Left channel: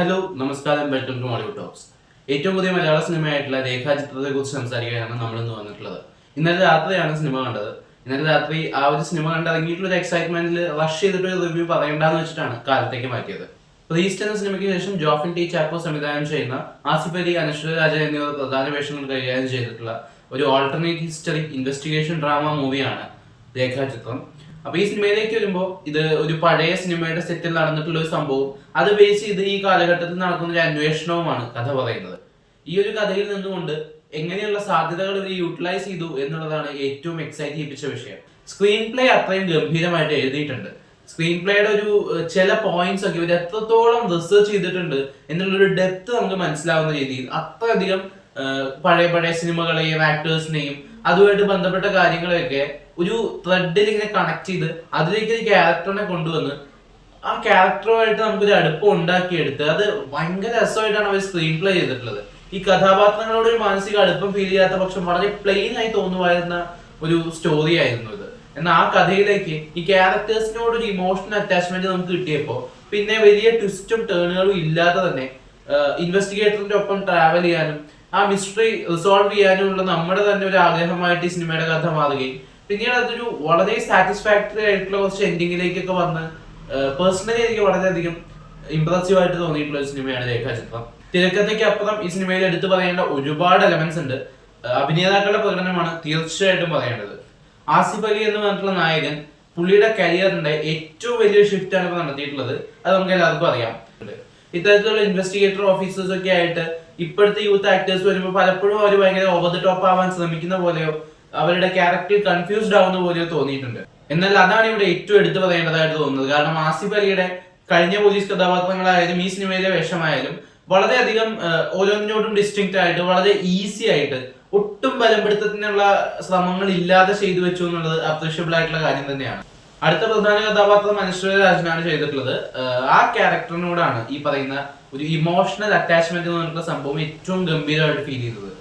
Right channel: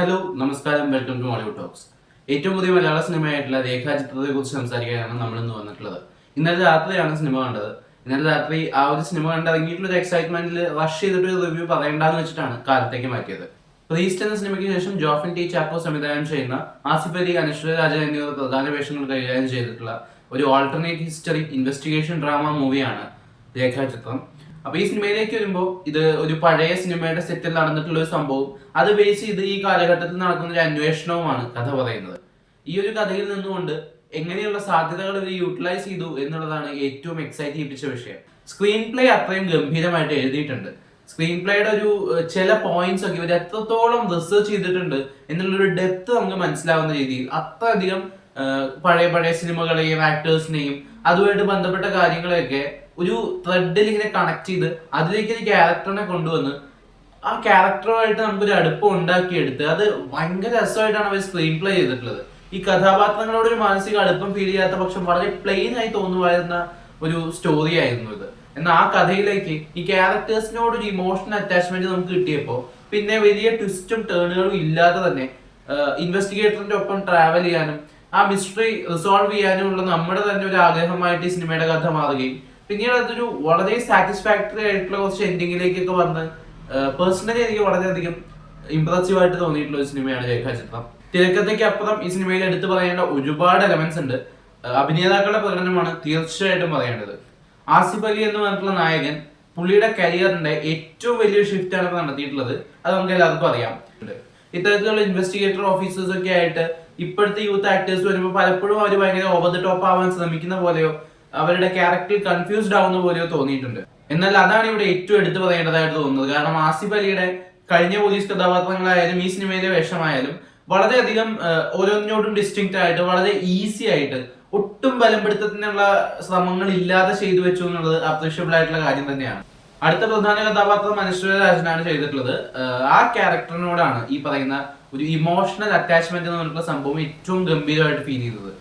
Hello നമസ്കാരം, welcome to Mollywood talks. ഏറ്റവും പുതിയ മലയാള സിനിമയായിട്ടുള്ള രേഖാചിത്രത്തെ കുറിച്ച് സംസാരിക്കാനാണ് നമ്മൾ ഇന്ന് വന്നിട്ടുള്ളത്. ഇന്നലെ രാത്രിയാണ് സിനിമ കണ്ടത്. ഇന്നലെ രാത്രി ആ ഒരു സിനിമ കണ്ടിറങ്ങിയിട്ടുള്ള ഒരു എക്സൈറ്റ്മെന്റിൽ റഷ് ചെയ്തിട്ട് ഒരു റിവ്യൂ പറയണ്ടെന്ന് വെച്ചിട്ടാണ് കാലത്തേക്ക് മാറ്റിയത്. പ്രീസ്റ്റ് എന്ന സിനിമയ്ക്ക് ശേഷം ജോഫിൻ ടി ചാക്കോ സംവിധാനം ചെയ്യുന്ന ആസിഫ് അലി, അനശ്വര രാജൻ എന്നിവർ പ്രധാന വേഷങ്ങൾ കൈകാര്യം ചെയ്തിട്ടുള്ള ഒരു ഓൾട്ടർനേറ്റ് ഹിസ്റ്ററി ഇൻവെസ്റ്റിഗേഷൻ ഡ്രാമ മൂവിയാണ് രേഖാചിത്രം. അപ്പൊ ഈ സിനിമയിലേക്ക് വരുമ്പോൾ ഇത് ഒരു പഴയ സിനിമയുടെ സെറ്റിൽ നടന്നിട്ടുള്ള ഒരു സംഭവം, അത് ബേസ് ചെയ്ത് ഈ കാലഘട്ടത്തിൽ നടക്കുന്ന ഒരു അന്വേഷണവുമാണ് കഥ പറയുന്നത്. ഈ ഒരു കഥയിൽ നിന്നുകൊണ്ട് എങ്ങനെയുള്ള സാധ്യതകൾ ഇവർ യൂട്ടിലൈസ് ചെയ്തു എന്നുള്ളതാണ് ഏറ്റവും എക്സൈറ്റ് ചെയ്യിപ്പിച്ച വിഷയം. സ്ക്രീൻ പ്ലേ അത്രയും ഗംഭീരമായിട്ട് എഴുതിയിട്ടുണ്ട്. സ്ക്രീൻ പ്ലേയുടെ ഒരു ചില പോയിന്റ്സ് ഒക്കെ ഇവർ എത്രത്തോളം റിസർച്ച് ചെയ്തിട്ടുണ്ട് എന്നുള്ളൊരു ഡെപ്ത് നമുക്ക് മനസ്സിലാവുന്ന രീതിയിൽ അത്രയധികം പഴയ പഴയ സിനിമകളെയും ആക്ടേഴ്സിനെയും അതുമായിട്ട് ബന്ധപ്പെട്ട കാര്യങ്ങളെയൊക്കെ ഒരു ത്രെഡിൽ ഇങ്ങനെ കണക്ട് ചെയ്ത് അതിലേക്ക് ഒരു ക്യാരക്ടറിനെ കൊണ്ടുവന്ന് ആ ക്യാരക്ടറുമായിട്ട് നമുക്കൊരു അടുപ്പം ഉണ്ടാക്കിയെടുത്ത് അത് ഭയങ്കര രസമായിട്ടാണ് അവർ സ്ക്രീൻ പ്ലേ ചെയ്തിട്ടുള്ളത്. ഈ കഥാപാത്രങ്ങളോട് ഒരു മാനസിക അടുപ്പം ഫീൽ ചെയ്യാത്ത പക്ഷം വളരെ പ്ലെയിൻ ആയി തോന്നുമായിരുന്ന ഒരു സ്റ്റോറി ആയിരുന്നു ഇത്. എന്നാൽ ആ കഥയിലേക്ക് ഈ ക്യാരക്ടേഴ്സിനോട് ഒരു ഇമോഷണൽ അറ്റാച്ച്മെന്റ് നമുക്ക് കിട്ടിയപ്പോൾ പിന്നെ വലിയ ട്വിസ്റ്റും ടേണുകളും ഇല്ലാതെ തന്നെ ഇൻവെസ്റ്റിഗേറ്ററിന്റെ ഒപ്പം ട്രാവൽ ചെയ്യാനും ആ മിസ്റ്ററി റിസോൾവ് ചെയ്യാനുമുള്ള നമ്മുടെ തന്നെ ഒരു ആഗ്രഹമായിട്ട് ഈ സിനിമയുടെ കഥ മാറുകയും പിന്നീട് അതൊരു വളരെ സാറ്റിസ്ഫാക്ടറി ആയിട്ടുള്ള കുറച്ച് എൻഡിങ്ങിലേക്കൊക്കെ വന്ന് പേഴ്സണലി എനിക്ക് വളരെയധികം ഇംപ്രസീവ് ആയിട്ട് തോന്നിയിട്ടുള്ള ഒരു സിനിമയാണ് രേഖാചിത്രം. തിരക്കഥയ്ക്ക് അപ്പുറം ഈ സിനിമയിൽ എടുത്തു പറയേണ്ട ഒരുപാട് എലമെന്റ്സ് ഉണ്ട്. അഭിനേതാക്കളുടെ പ്രകടനമാണ് തീർച്ചയായിട്ടും പറയേണ്ടത്. ആസിഫ് അലി എന്ന് പറഞ്ഞിട്ടുള്ള നായകൻ പുള്ളിയുടെ കരിയറിന്റെ ഏറ്റവും വലിയൊരു ഷിഫ്റ്റ് ആണ് ഇപ്പോൾ നടത്തിയിട്ടുള്ളത്. അത് നമുക്ക് എല്ലാവർക്കും അറിയാം. ഇത്തരത്തിലുള്ള ഇൻവെസ്റ്റിഗേറ്റർ ഓഫീസേഴ്സ് ഒക്കെ ആയിട്ട് ഇപ്പോഴത്തെ യൂത്ത് ആക്ടേഴ്സ് വരുമ്പോൾ പലപ്പോഴും അവർ ഭയങ്കര ഓവർ ദി ടോപ്പ് ആവാൻ ശ്രമിക്കുന്ന പോലെയോ അവരുടെ ക്യാരക്ടറിൽ കൺഫ്യൂസ്ഡ് ആവുന്ന പോലെയോ തോന്നിയിട്ടുണ്ട്. എന്നാൽ അതാണ് ഇവിടെ ഏറ്റവും എടുത്തു പറയേണ്ടതായിട്ട് തോന്നുന്നത്. കാരണം ആസിഫ് അലിയുടെ കഴിഞ്ഞ പോലീസ് കഥാപാത്രങ്ങളായാലും ഈ സിനിമയിലെ വേഷമായാലും വളരെയധികം ഓരോന്നിനോടും ഡിസ്റ്റിങ്ക്റ്റ് ആയിട്ട് വളരെ ഈസി ആയിട്ട് ഒട്ടും ബലപ്പെടുത്തത്തിനുള്ള ശ്രമങ്ങൾ ഇല്ലാതെ ചെയ്തു വെച്ചു എന്നുള്ളത് അപ്രീഷ്യബിൾ ആയിട്ടുള്ള കാര്യം തന്നെയാണ്. അടുത്ത പ്രധാന കഥാപാത്രം അനശ്വര രാജനാണ് ചെയ്തിട്ടുള്ളത്. ആ ക്യാരക്ടറിനോടാണ് ഈ പറയുന്ന ഒരു ഇമോഷണൽ അറ്റാച്ച്മെന്റ് എന്ന് പറഞ്ഞിട്ടുള്ള സംഭവം ഏറ്റവും ഗംഭീരമായിട്ട് ഫീൽ ചെയ്തത്.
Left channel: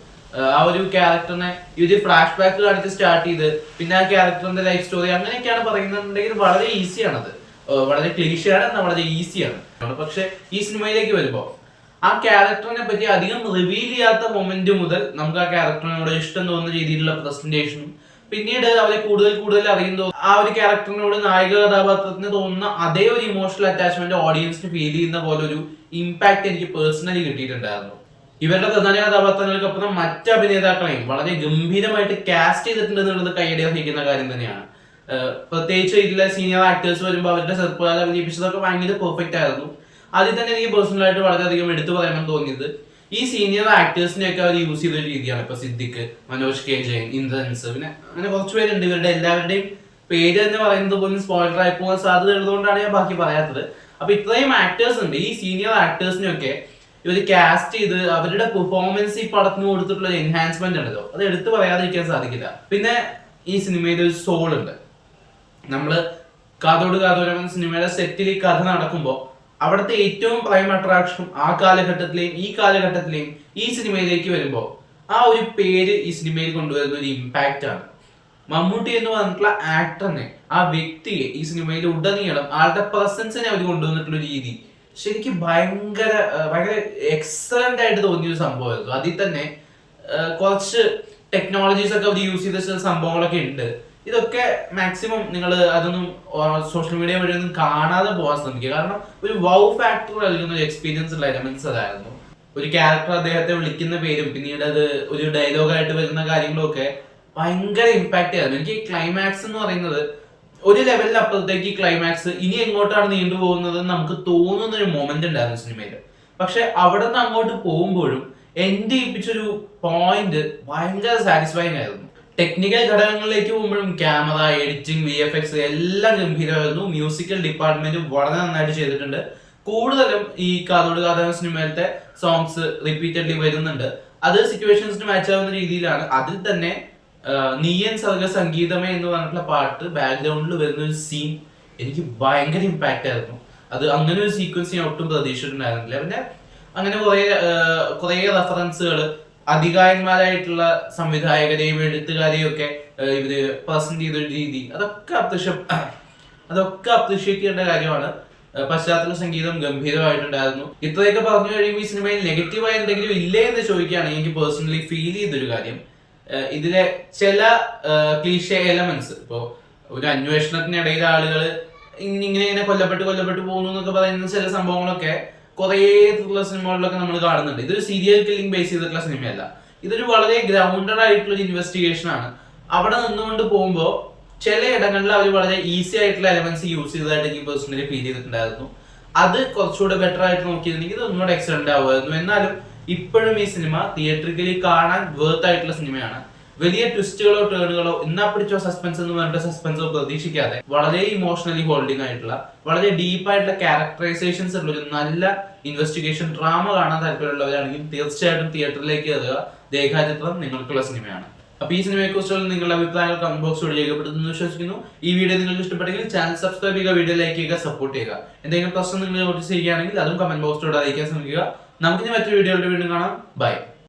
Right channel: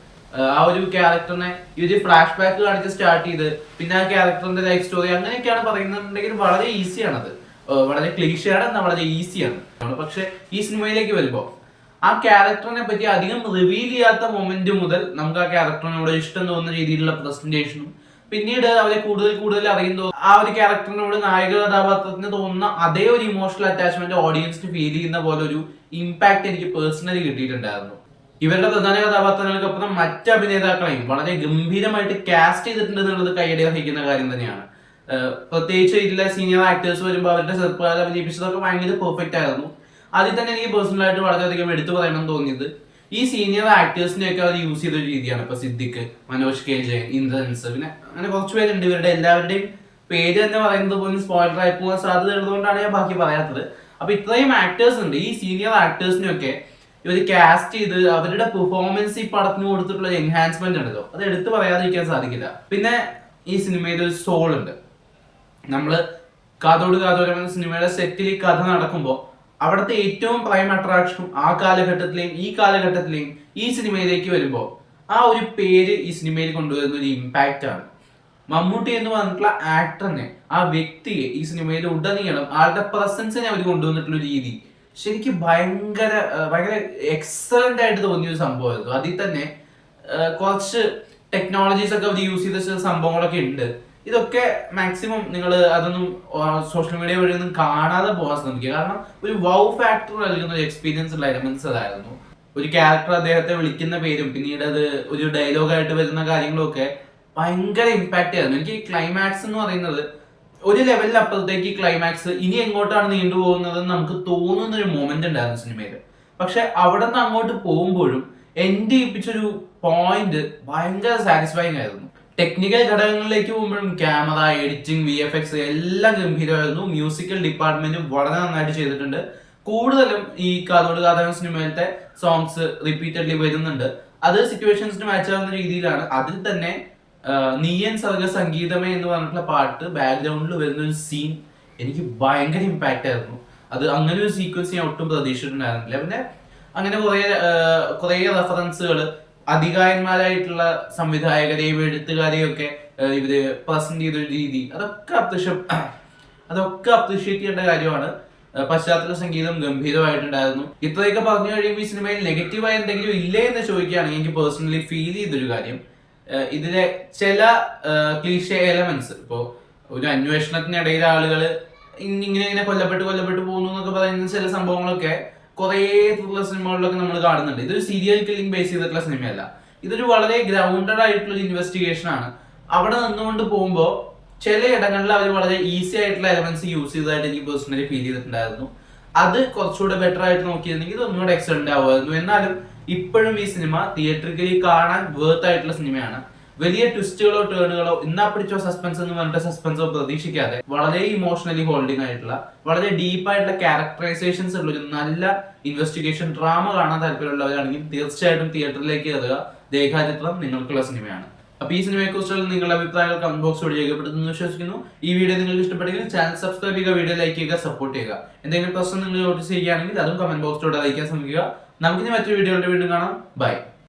ആ ഒരു ക്യാരക്ടറിനെ ഇവര് ഫ്ലാഷ് ബാക്ക് കാണിച്ച് സ്റ്റാർട്ട് ചെയ്ത് പിന്നെ ആ ക്യാരക്ടറിന്റെ ലൈഫ് സ്റ്റോറി അങ്ങനെയൊക്കെയാണ് പറയുന്നുണ്ടെങ്കിൽ വളരെ ഈസിയാണ്. അത് വളരെ ക്ലീഷയാണ്, എന്നാൽ വളരെ ഈസിയാണ്. പക്ഷെ ഈ സിനിമയിലേക്ക് വരുമ്പോൾ ആ ക്യാരക്ടറിനെ പറ്റി അധികം റിവീൽ ചെയ്യാത്ത മൊമെന്റ് മുതൽ നമുക്ക് ആ ക്യാരക്ടറിനോട് ഇഷ്ടം തോന്നുന്ന രീതിയിലുള്ള പ്രസന്റേഷനും പിന്നീട് അവരെ കൂടുതൽ കൂടുതൽ അറിയുമ്പോൾ ആ ഒരു ക്യാരക്ടറിനോട് നായക കഥാപാത്രത്തിന് തോന്നുന്ന അതേ ഒരു ഇമോഷണൽ അറ്റാച്ച്മെന്റ് ഓഡിയൻസിന് ഫീൽ ചെയ്യുന്ന പോലെ ഒരു ഇമ്പാക്ട് എനിക്ക് പേഴ്സണലി കിട്ടിയിട്ടുണ്ടായിരുന്നു. ഇവരുടെ പ്രധാന കഥാപാത്രങ്ങൾക്കൊപ്പം മറ്റ് അഭിനേതാക്കളെയും വളരെ ഗംഭീരമായിട്ട് കാസ്റ്റ് ചെയ്തിട്ടുണ്ട് എന്നുള്ളത് കൈയടി അർഹിക്കുന്ന കാര്യം തന്നെയാണ്. പ്രത്യേകിച്ച് ഇതിലെ സീനിയർ ആക്ടേഴ്സ് വരുമ്പോൾ അവരുടെ ചെറുപ്പകാലം അഭിനയിപ്പിച്ചതൊക്കെ ഭയങ്കര പെർഫെക്റ്റ് ആയിരുന്നു. അതിൽ തന്നെ എനിക്ക് പേഴ്സണലായിട്ട് വളരെയധികം എടുത്തു പറയണം തോന്നിയത് ഈ സീനിയർ ആക്ടേഴ്സിനെയൊക്കെ അവർ യൂസ് ചെയ്ത ഒരു രീതിയാണ്. ഇപ്പൊ സിദ്ദിഖ്, മനോജ് കെ ജയൻ, ഇന്ദ്രൻസ്, പിന്നെ അങ്ങനെ കുറച്ച് പേരുണ്ട്. ഇവരുടെ എല്ലാവരുടെയും പേര് തന്നെ പറയുന്നത് പോലും സ്പോയിലർ ആയി പോകാൻ സാധ്യത ഉള്ളതുകൊണ്ടാണ് ഞാൻ ബാക്കി പറയാത്തത്. അപ്പൊ ഇത്രയും ആക്ടേഴ്സ് ഉണ്ട്. ഈ സീനിയർ ആക്ടേഴ്സിനെയൊക്കെ ഇവർ കാസ്റ്റ് ചെയ്ത് അവരുടെ പെർഫോമൻസ് ഈ പടത്തിന് കൊടുത്തിട്ടുള്ള എൻഹാൻസ്മെന്റ് ഉണ്ടല്ലോ, അത് എടുത്തു പറയാതിരിക്കാൻ സാധിക്കില്ല. പിന്നെ ഈ സിനിമയിൽ ഒരു സോൾ ഉണ്ട്. നമ്മള് കാതോട് കാതോരം എന്ന സിനിമയുടെ സെറ്റിൽ ഈ കഥ നടക്കുമ്പോൾ അവിടുത്തെ ഏറ്റവും പ്രൈം അട്രാക്ഷനും ആ കാലഘട്ടത്തിലെയും ഈ കാലഘട്ടത്തിലെയും ഈ സിനിമയിലേക്ക് വരുമ്പോൾ ആ ഒരു പേര് ഈ സിനിമയിൽ കൊണ്ടുവരുന്ന ഒരു ഇമ്പാക്റ്റ് ആണ്. മമ്മൂട്ടി എന്ന് പറഞ്ഞിട്ടുള്ള ആക്ടറിനെ, ആ വ്യക്തിയെ ഈ സിനിമയിൽ ഉടനീളം ആളുടെ പ്രസൻസിനെ അവർ കൊണ്ടുവന്നിട്ടുള്ള രീതി ശരിക്കും ഭയങ്കര ഭയങ്കര എക്സലന്റ് ആയിട്ട് തോന്നിയ ഒരു സംഭവമായിരുന്നു. അതിൽ തന്നെ കുറച്ച് ടെക്നോളജീസ് ഒക്കെ അവർ യൂസ് ചെയ്ത സംഭവങ്ങളൊക്കെ ഉണ്ട്. ഇതൊക്കെ മാക്സിമം നിങ്ങൾ അതൊന്നും സോഷ്യൽ മീഡിയ വഴി ഒന്നും കാണാതെ പോകാൻ ശ്രമിക്കുക. കാരണം ഒരു വൗ ഫാക്ടർ നൽകുന്ന ഒരു എക്സ്പീരിയൻസ് ഉള്ള എലമെന്റ്സ് അതായിരുന്നു. ഒരു ക്യാരക്ടർ അദ്ദേഹത്തെ വിളിക്കുന്ന പേരും പിന്നീട് അത് ഒരു ഡയലോഗായിട്ട് വരുന്ന കാര്യങ്ങളും ഒക്കെ ഭയങ്കര ഇമ്പാക്റ്റ് ആയിരുന്നു. എനിക്ക് ക്ലൈമാക്സ് എന്ന് പറയുന്നത് ഒരു ലെവലിൽ അപ്പുറത്തേക്ക് ക്ലൈമാക്സ് ഇനി എങ്ങോട്ടാണ് നീണ്ടുപോകുന്നത് നമുക്ക് തോന്നുന്ന ഒരു മൊമെന്റ് ഉണ്ടായിരുന്നു സിനിമയിൽ. പക്ഷെ അവിടെ നിന്ന് അങ്ങോട്ട് പോകുമ്പോഴും എൻഡ് ചെയ്യിപ്പിച്ചൊരു പോയിന്റ് ഭയങ്കര സാറ്റിസ്ഫൈങ് ആയിരുന്നു. ടെക്നിക്കൽ ഘടകങ്ങളിലേക്ക് പോകുമ്പോഴും ക്യാമറ, എഡിറ്റിംഗ്, VFX എല്ലാം ഗംഭീരമായിരുന്നു. മ്യൂസിക്കൽ ഡിപ്പാർട്ട്മെന്റും വളരെ നന്നായിട്ട് ചെയ്തിട്ടുണ്ട്. കൂടുതലും ഈ കാതോട് കാതോരം സിനിമയിലത്തെ സോങ്സ് റിപ്പീറ്റഡ്ലി വരുന്നുണ്ട്. അത് സിറ്റുവേഷൻസിന് മാച്ച് ആവുന്ന രീതിയിലാണ്. അതിൽ തന്നെ നീയൻ സർഗ സംഗീതമേ എന്ന് പറഞ്ഞിട്ടുള്ള പാട്ട് ബാക്ക്ഗ്രൗണ്ടിൽ വരുന്ന ഒരു സീൻ എനിക്ക് ഭയങ്കര ഇമ്പാക്റ്റ് ആയിരുന്നു. അത് അങ്ങനെ ഒരു സീക്വൻസ് ഞാൻ ഒട്ടും പ്രതീക്ഷിച്ചിട്ടുണ്ടായിരുന്നില്ല. പിന്നെ അങ്ങനെ കുറേ റെഫറൻസുകൾ അധികായന്മാരായിട്ടുള്ള സംവിധായകരെയും എഴുത്തുകാരെയും ഒക്കെ ഇവര് പ്രസന്റ് ചെയ്തൊരു രീതി അതൊക്കെ അപ്രീഷിയേറ്റ് ചെയ്യേണ്ട കാര്യമാണ്. പശ്ചാത്തല സംഗീതം ഗംഭീരമായിട്ടുണ്ടായിരുന്നു. ഇത്രയൊക്കെ പറഞ്ഞു കഴിയുമ്പോൾ ഈ സിനിമയിൽ നെഗറ്റീവായി എന്തെങ്കിലും ഇല്ലേ എന്ന് ചോദിക്കുകയാണെങ്കിൽ എനിക്ക് പേഴ്സണലി ഫീൽ ചെയ്തൊരു കാര്യം, ഇതിലെ ചില ക്ലീഷേ എലമെന്റ്സ്, ഇപ്പോൾ ഒരു അന്വേഷണത്തിനിടയിൽ ആളുകൾ ഇങ്ങനെ കൊല്ലപ്പെട്ട് പോകുന്നു എന്നൊക്കെ പറയുന്ന ചില സംഭവങ്ങളൊക്കെ കുറേ ത്രില്ലർ സിനിമകളിലൊക്കെ നമ്മൾ കാണുന്നുണ്ട്. ഇതൊരു സീരിയൽ കില്ലിംഗ് ബേസ് ചെയ്തിട്ടുള്ള സിനിമയല്ല, ഇതൊരു വളരെ ഗ്രൗണ്ടഡ് ആയിട്ടുള്ള ഇൻവെസ്റ്റിഗേഷൻ ആണ്. അവിടെ നിന്നുകൊണ്ട് പോകുമ്പോൾ ചില ഇടങ്ങളിൽ അവർ വളരെ ഈസി ആയിട്ടുള്ള എലമെന്റ്സ് യൂസ് ചെയ്തതായിട്ട് എനിക്ക് പേഴ്സണലി ഫീൽ ചെയ്തിട്ടുണ്ടായിരുന്നു. അത് കുറച്ചുകൂടെ ബെറ്റർ ആയിട്ട് നോക്കിയിരുന്നെങ്കിൽ ഇത് ഒന്നുകൂടെ എക്സലന്റ് ആവുമായിരുന്നു. എന്നാലും ഇപ്പോഴും ഈ സിനിമ തിയേറ്ററിക്കലി കാണാൻ വേർത്ത് ആയിട്ടുള്ള സിനിമയാണ്. വലിയ ട്വിസ്റ്റുകളോ ടേണുകളോ എന്നാ പിടിച്ചോ സസ്പെൻസ് എന്ന് പറഞ്ഞിട്ട് സസ്പെൻസോ പ്രതീക്ഷിക്കാതെ വളരെ ഇമോഷണലി ഹോൾഡിംഗ് ആയിട്ടുള്ള വളരെ ഡീപ്പായിട്ടുള്ള ക്യാരക്ടറൈസേഷൻസ് ഉള്ള ഒരു നല്ല ഇൻവെസ്റ്റിഗേഷൻ ഡ്രാമ കാണാൻ താല്പര്യമുള്ളവരാണെങ്കിൽ തീർച്ചയായിട്ടും തിയേറ്ററിലേക്ക് കയറുക. രേഖാചിത്രം നിങ്ങൾക്കുള്ള സിനിമയാണ്. അപ്പൊ ഈ സിനിമയെ കുറിച്ചുള്ള നിങ്ങളുടെ അഭിപ്രായങ്ങൾ കമന്റ് ബോക്സിലൂടെ രേഖപ്പെടുത്തുന്നു വിശ്വസിക്കുന്നു. ഈ വീഡിയോ നിങ്ങൾക്ക് ഇഷ്ടപ്പെട്ടെങ്കിൽ ചാനൽ സബ്സ്ക്രൈബ് ചെയ്യുക, വീഡിയോ ലൈക്ക് ചെയ്യുക, സപ്പോർട്ട് ചെയ്യുക. എന്തെങ്കിലും പ്രശ്നം നിങ്ങൾ നോട്ടീസ് ചെയ്യുകയാണെങ്കിൽ അതും കമന്റ് ബോക്സിലൂടെ അറിയിക്കാൻ ശ്രമിക്കുക. നമുക്കിനി മറ്റൊരു വീഡിയോയുടെ വീണ്ടും കാണാം. ബൈ.